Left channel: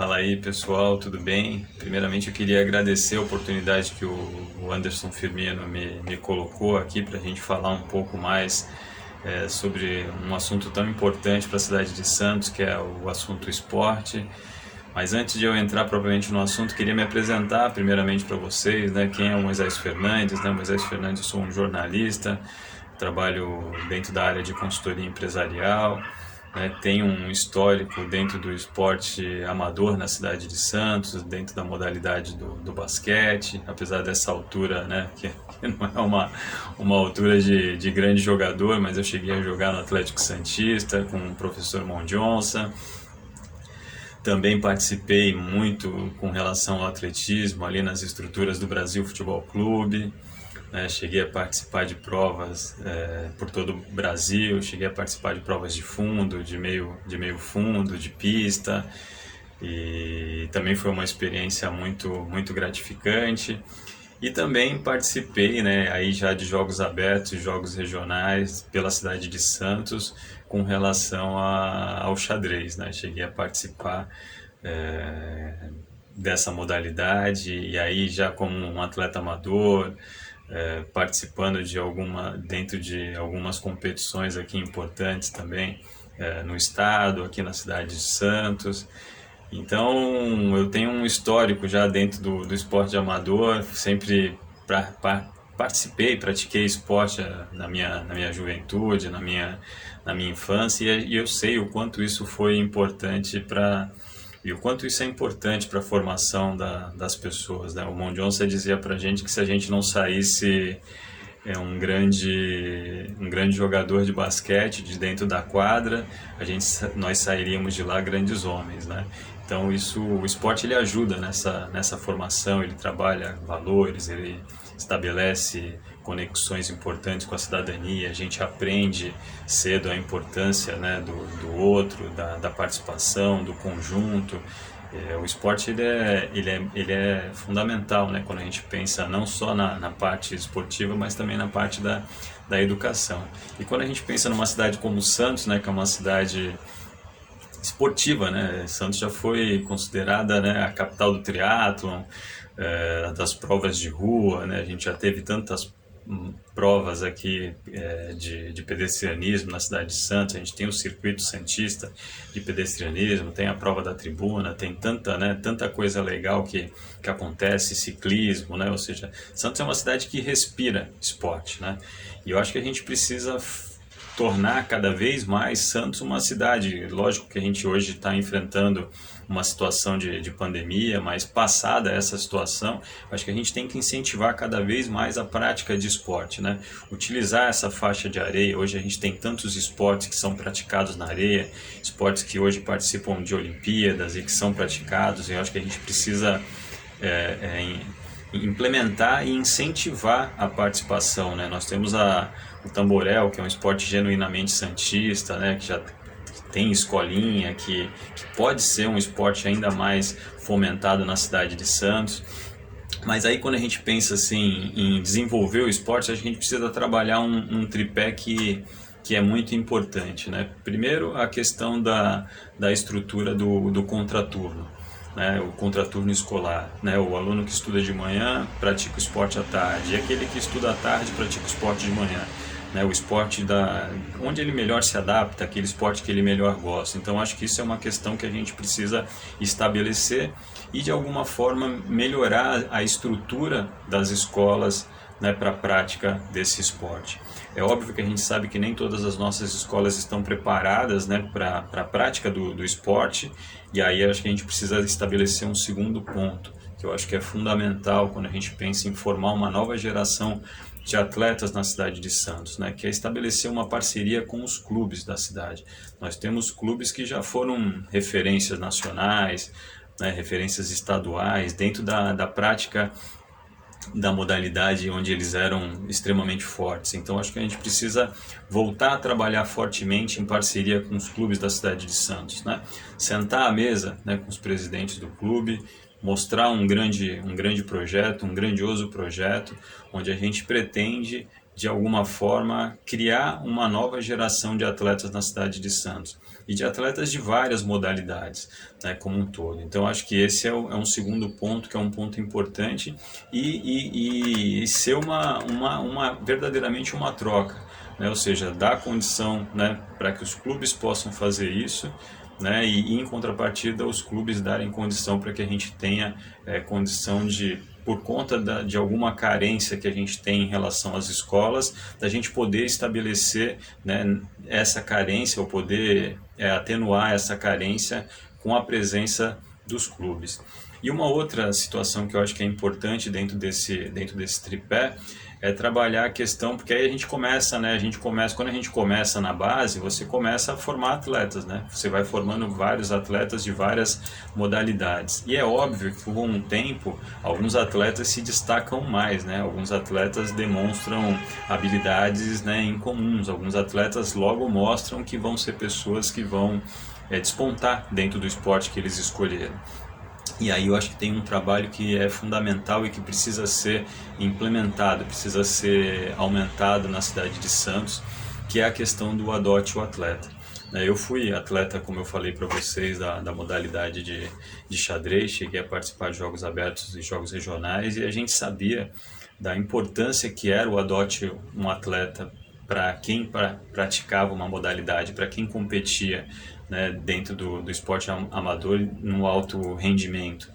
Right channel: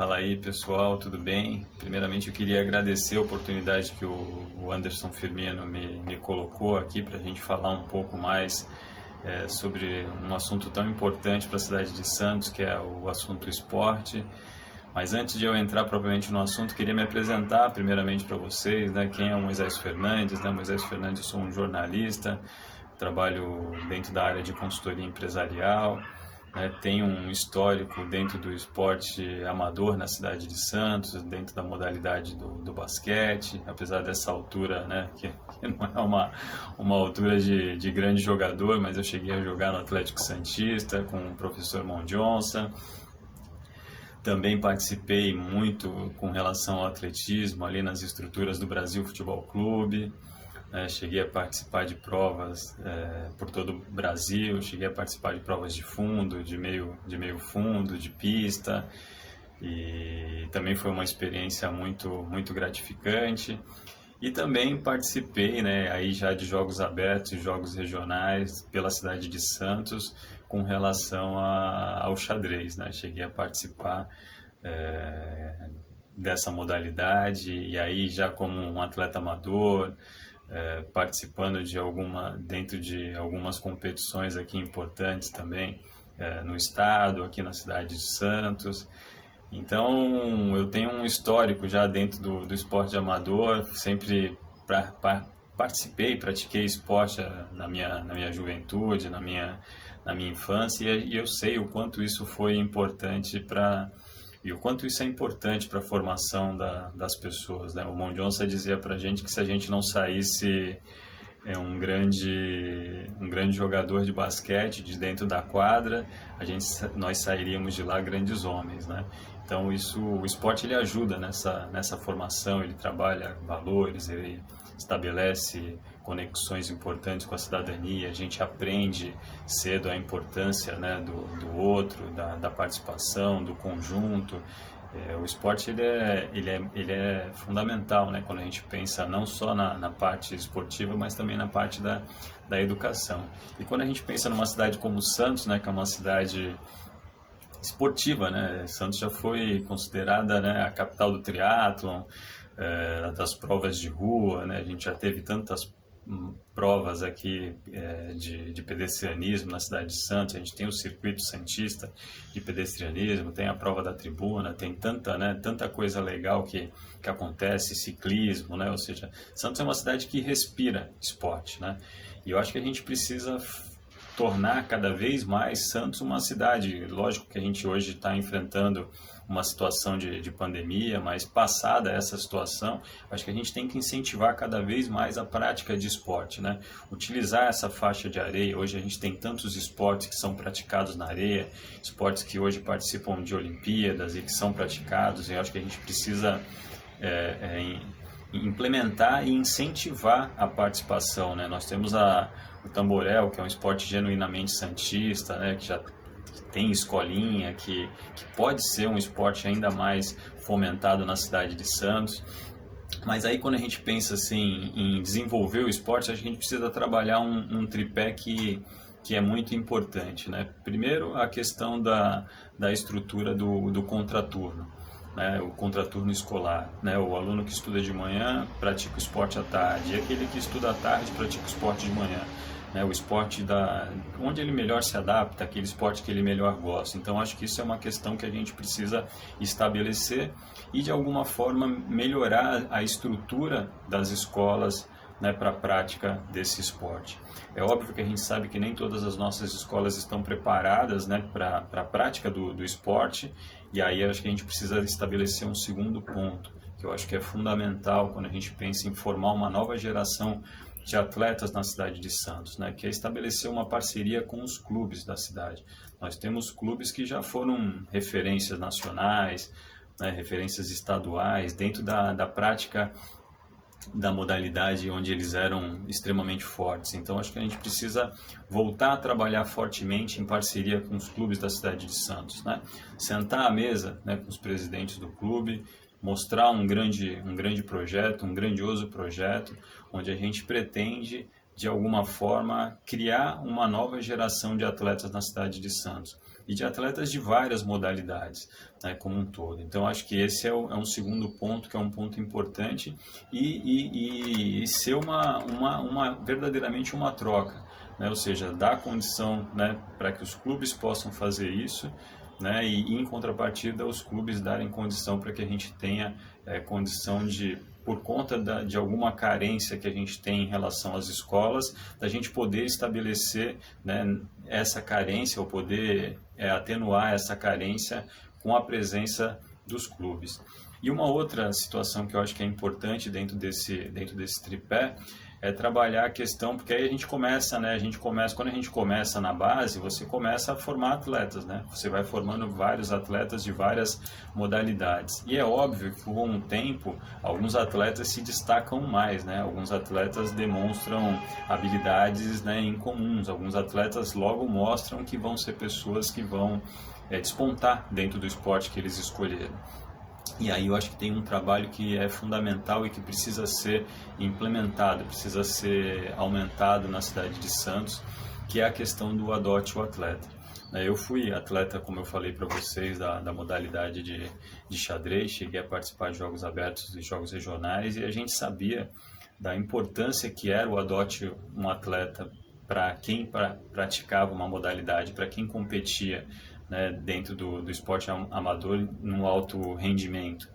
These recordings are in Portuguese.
Fala aí pessoal, tudo bem? Primeiramente eu queria agradecer a oportunidade que o Anderson Firmino me colocou aqui para a gente falar um pouco mais sobre um assunto tão importante para a cidade de Santos, que é o assunto esporte. Mas antes de eu entrar propriamente no assunto, queria me apresentar primeiramente para vocês, né? Quem é o Moisés Fernandes, né? Moisés Fernandes, eu sou um jornalista, trabalho dentro da área de consultoria empresarial, né? Tenho um histórico dentro do esporte amador na cidade de Santos, dentro da modalidade do basquete, apesar dessa altura, né? Que não é uma altura de grande jogador, mas eu cheguei a jogar no Atlético Santista com o professor Mondionça. Também participei muito com relação ao atletismo ali nas estruturas do Brasil Futebol Clube, né? Cheguei a participar de provas por todo o Brasil, cheguei a participar de provas de fundo, de meio fundo, de pista, e também foi uma experiência muito gratificante. E também participei, né, aí já de jogos abertos, jogos regionais pela cidade de Santos com relação ao xadrez, né? Cheguei a participar é, dessa modalidade e aí já como um atleta amador, participando dentro de algumas competições aqui importantes também no estado, aqui na cidade de Santos. Então, eu tenho um histórico já dentro do esporte amador, sempre participei, pratiquei esporte na minha juventude, na minha infância, e eu sei o quanto isso foi importante e o quanto isso é importante para a formação das pessoas, né? O Mondionça dizia para a gente que se a gente não saísse um grande jogador de basquete de dentro da quadra, nós sairíamos de lá grandes homens, né? Então o esporte ele ajuda nessa formação, ele trabalha valores, ele estabelece conexões importantes com a cidadania, a gente aprende cedo a importância, né, do outro, da participação, do conjunto. O esporte ele é fundamental, né, quando a gente pensa não só na parte esportiva, mas também na parte da educação. E quando a gente pensa numa cidade como Santos, né, que é uma cidade esportiva, né? Santos já foi considerada, né, a capital do triatlon, das provas de rua, né? A gente já teve tantas provas aqui de pedestrianismo na cidade de Santos. A gente tem o circuito santista de pedestrianismo, tem a prova da tribuna, tem tanta coisa legal que acontece, ciclismo, né? Ou seja, Santos é uma cidade que respira esporte, né? E eu acho que a gente precisa tornar cada vez mais Santos uma cidade. Lógico que a gente hoje está enfrentando uma situação de pandemia, mas passada essa situação, acho que a gente tem que incentivar cada vez mais a prática de esporte, né? Utilizar essa faixa de areia. Hoje a gente tem tantos esportes que são praticados na areia, esportes que hoje participam de Olimpíadas e que são praticados, e eu acho que a gente precisa implementar e incentivar a participação, né? Nós temos o tamborel, que é um esporte genuinamente santista, né? Que já tem escolinha, que pode ser um esporte ainda mais fomentado na cidade de Santos. Mas aí quando a gente pensa assim em desenvolver o esporte, a gente precisa trabalhar um tripé que é muito importante, né? Primeiro, a questão da estrutura do contraturno, né? O contraturno escolar, né? O aluno que estuda de manhã pratica o esporte à tarde, e aquele que estuda à tarde pratica o esporte de manhã, né? O esporte onde ele melhor se adapta, aquele esporte que ele melhor gosta. Então acho que isso é uma questão que a gente precisa estabelecer e de alguma forma melhorar a estrutura das escolas, né, para a prática desse esporte. É óbvio que a gente sabe que nem todas as nossas escolas estão preparadas, né, para a prática do esporte, e aí acho que a gente precisa estabelecer um segundo ponto, que eu acho que é fundamental quando a gente pensa em formar uma nova geração de atletas na cidade de Santos, né, que é estabelecer uma parceria com os clubes da cidade. Nós temos clubes que já foram referências nacionais, né, referências estaduais, dentro da prática da modalidade onde eles eram extremamente fortes. Então acho que a gente precisa voltar a trabalhar fortemente em parceria com os clubes da cidade de Santos, né? Sentar à mesa, né, com os presidentes do clube, mostrar um grande projeto, um grandioso projeto, onde a gente pretende de alguma forma, criar uma nova geração de atletas na cidade de Santos e de atletas de várias modalidades, né, como um todo. Então, acho que esse é um segundo ponto, que é um ponto importante e ser verdadeiramente uma troca, né, ou seja, dar condição, né, para que os clubes possam fazer isso, né, e em contrapartida os clubes darem condição para que a gente tenha condição de, por conta de alguma carência que a gente tem em relação às escolas, da gente poder estabelecer, né, essa carência, ou poder atenuar essa carência com a presença dos clubes. E uma outra situação que eu acho que é importante dentro desse tripé é trabalhar a questão, porque aí a gente começa, né? Quando a gente começa na base, você começa a formar atletas, né? Você vai formando vários atletas de várias modalidades. E é óbvio que com o tempo, alguns atletas se destacam mais, né? Alguns atletas demonstram habilidades, né, incomuns. Alguns atletas logo mostram que vão ser pessoas que vão despontar dentro do esporte que eles escolheram. E aí eu acho que tem um trabalho que é fundamental e que precisa ser implementado, precisa ser aumentado na cidade de Santos, que é a questão do adote o atleta. Eu fui atleta, como eu falei para vocês, da modalidade de xadrez, cheguei a participar de jogos abertos e jogos regionais, e a gente sabia da importância que era o adote um atleta para quem praticava uma modalidade, para quem competia, né, dentro do esporte amador no alto rendimento,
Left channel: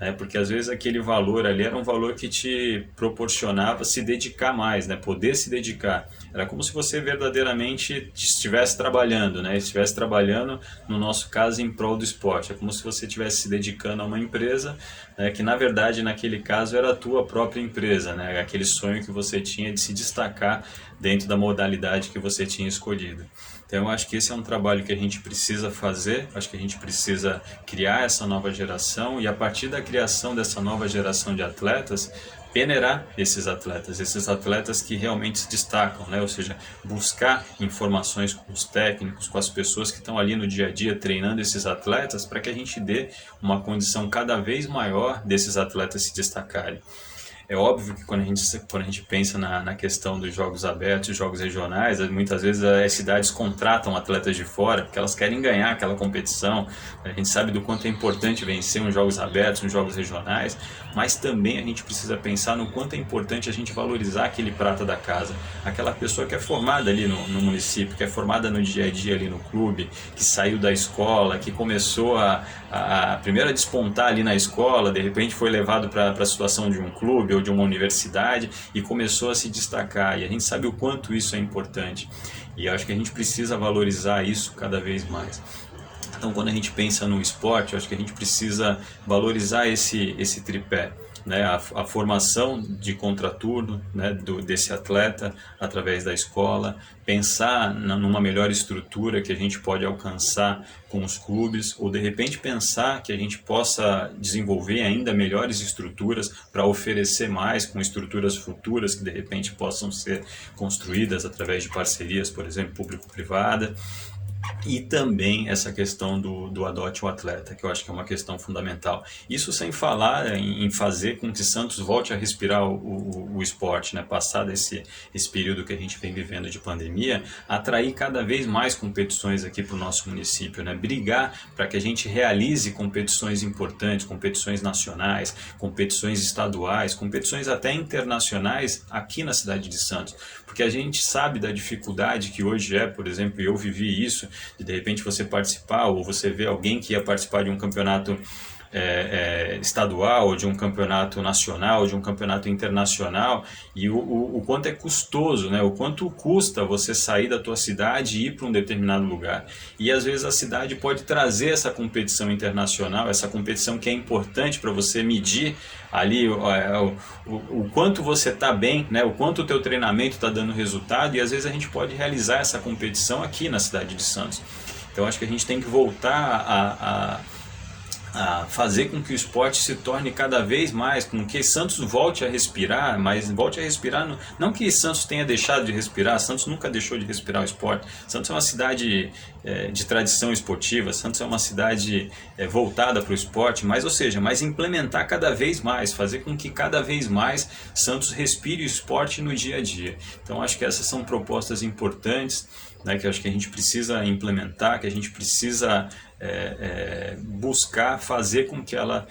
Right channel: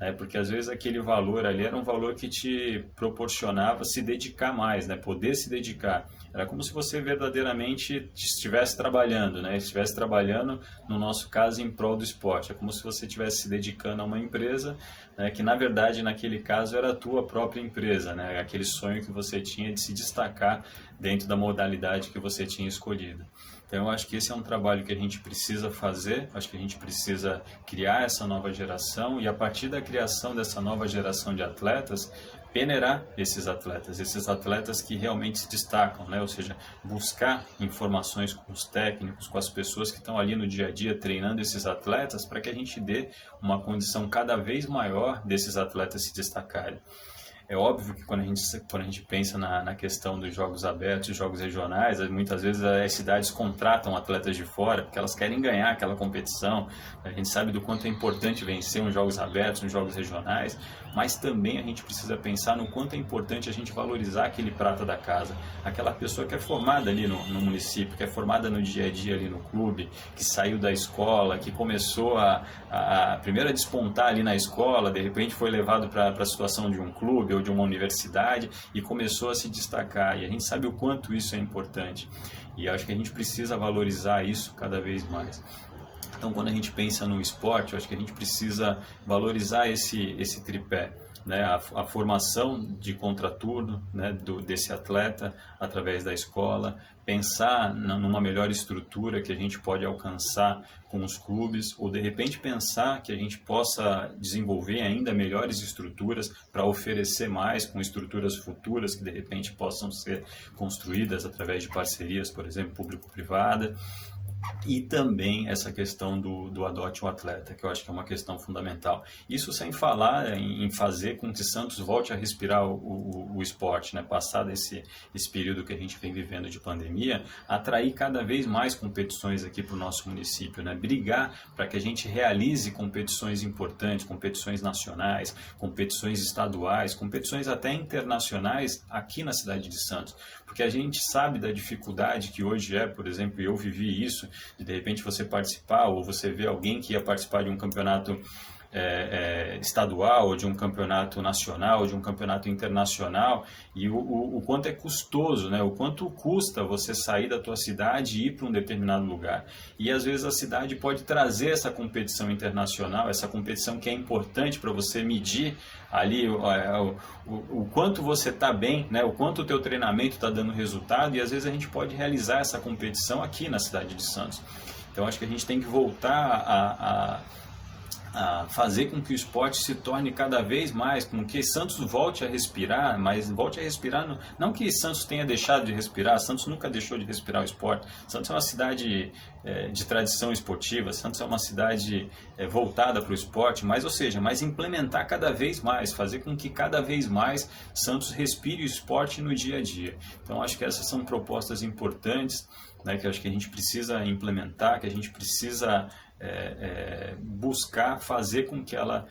né, porque às vezes aquele valor ali era um valor que te proporcionava se dedicar mais, né, poder se dedicar. Era como se você verdadeiramente estivesse trabalhando, né, estivesse trabalhando, no nosso caso, em prol do esporte. É como se você estivesse se dedicando a uma empresa, né, que na verdade naquele caso era a tua própria empresa, né, aquele sonho que você tinha de se destacar dentro da modalidade que você tinha escolhido. Então, eu acho que esse é um trabalho que a gente precisa fazer, acho que a gente precisa criar essa nova geração e, a partir da criação dessa nova geração de atletas, peneirar esses atletas que realmente se destacam, né? Ou seja, buscar informações com os técnicos, com as pessoas que estão ali no dia a dia treinando esses atletas, para que a gente dê uma condição cada vez maior desses atletas se destacarem. É óbvio que quando a gente pensa na questão dos jogos abertos, jogos regionais, muitas vezes as cidades contratam atletas de fora porque elas querem ganhar aquela competição. A gente sabe do quanto é importante vencer uns jogos abertos, uns jogos regionais, mas também a gente precisa pensar no quanto é importante a gente valorizar aquele prata da casa, aquela pessoa que é formada ali no município, que é formada no dia a dia ali no clube, que saiu da escola, que começou primeiro a despontar ali na escola, de repente foi levado para a situação de um clube ou de uma universidade e começou a se destacar, e a gente sabe o quanto isso é importante, e acho que a gente precisa valorizar isso cada vez mais. Então, quando a gente pensa no esporte, eu acho que a gente precisa valorizar esse tripé, né? A formação de contraturno, né, desse atleta através da escola, pensar numa melhor estrutura que a gente pode alcançar com os clubes, ou de repente pensar que a gente possa desenvolver ainda melhores estruturas para oferecer mais, com estruturas futuras que de repente possam ser construídas através de parcerias, por exemplo, público-privada. E também essa questão do adote o atleta, que eu acho que é uma questão fundamental. Isso sem falar em fazer com que Santos volte a respirar o esporte, né? Passado esse período que a gente vem vivendo de pandemia, atrair cada vez mais competições aqui para o nosso município, né? Brigar para que a gente realize competições importantes, competições nacionais, competições estaduais, competições até internacionais aqui na cidade de Santos. Porque a gente sabe da dificuldade que hoje é, por exemplo, eu vivi isso, de repente você participar, ou você vê alguém que ia participar de um campeonato estadual, ou de um campeonato nacional, ou de um campeonato internacional, e o quanto é custoso, né? O quanto custa você sair da tua cidade e ir para um determinado lugar. E às vezes a cidade pode trazer essa competição internacional, essa competição que é importante para você medir ali o quanto você está bem, né? O quanto o teu treinamento está dando resultado, e às vezes a gente pode realizar essa competição aqui na cidade de Santos. Então acho que a gente tem que voltar a fazer com que o esporte se torne cada vez mais, com que Santos volte a respirar, mas volte a respirar, não que Santos tenha deixado de respirar, Santos nunca deixou de respirar o esporte. Santos é uma cidade de tradição esportiva, Santos é uma cidade voltada para o esporte, mas, ou seja, mas implementar cada vez mais, fazer com que cada vez mais Santos respire o esporte no dia a dia. Então acho que essas são propostas importantes, né, que eu acho que a gente precisa implementar, que a gente precisa buscar fazer com que ela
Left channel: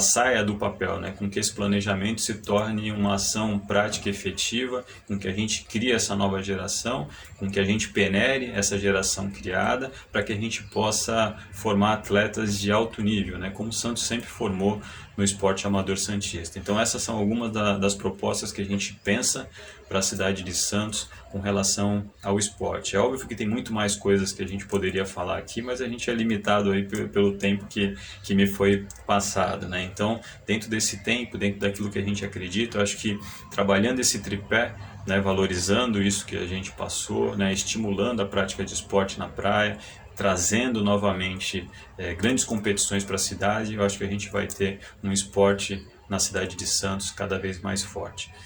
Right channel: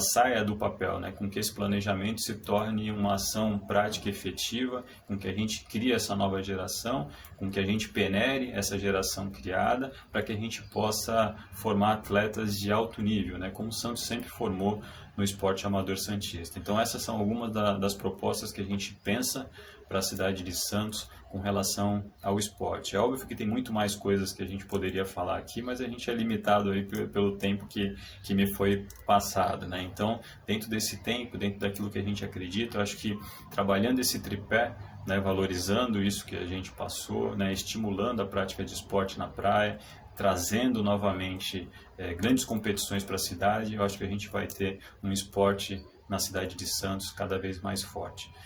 saia do papel, né? Com que esse planejamento se torne uma ação prática e efetiva, com que a gente crie essa nova geração, com que a gente penere essa geração criada, para que a gente possa formar atletas de alto nível, né? Como o Santos sempre formou no esporte amador santista. Então essas são algumas das propostas que a gente pensa para a cidade de Santos com relação ao esporte. É óbvio que tem muito mais coisas que a gente poderia falar aqui, mas a gente é limitado aí pelo tempo que me foi passado, né? Então, dentro desse tempo, dentro daquilo que a gente acredita, eu acho que trabalhando esse tripé, né, valorizando isso que a gente passou, né, estimulando a prática de esporte na praia, trazendo novamente grandes competições para a cidade, eu acho que a gente vai ter um esporte na cidade de Santos cada vez mais forte.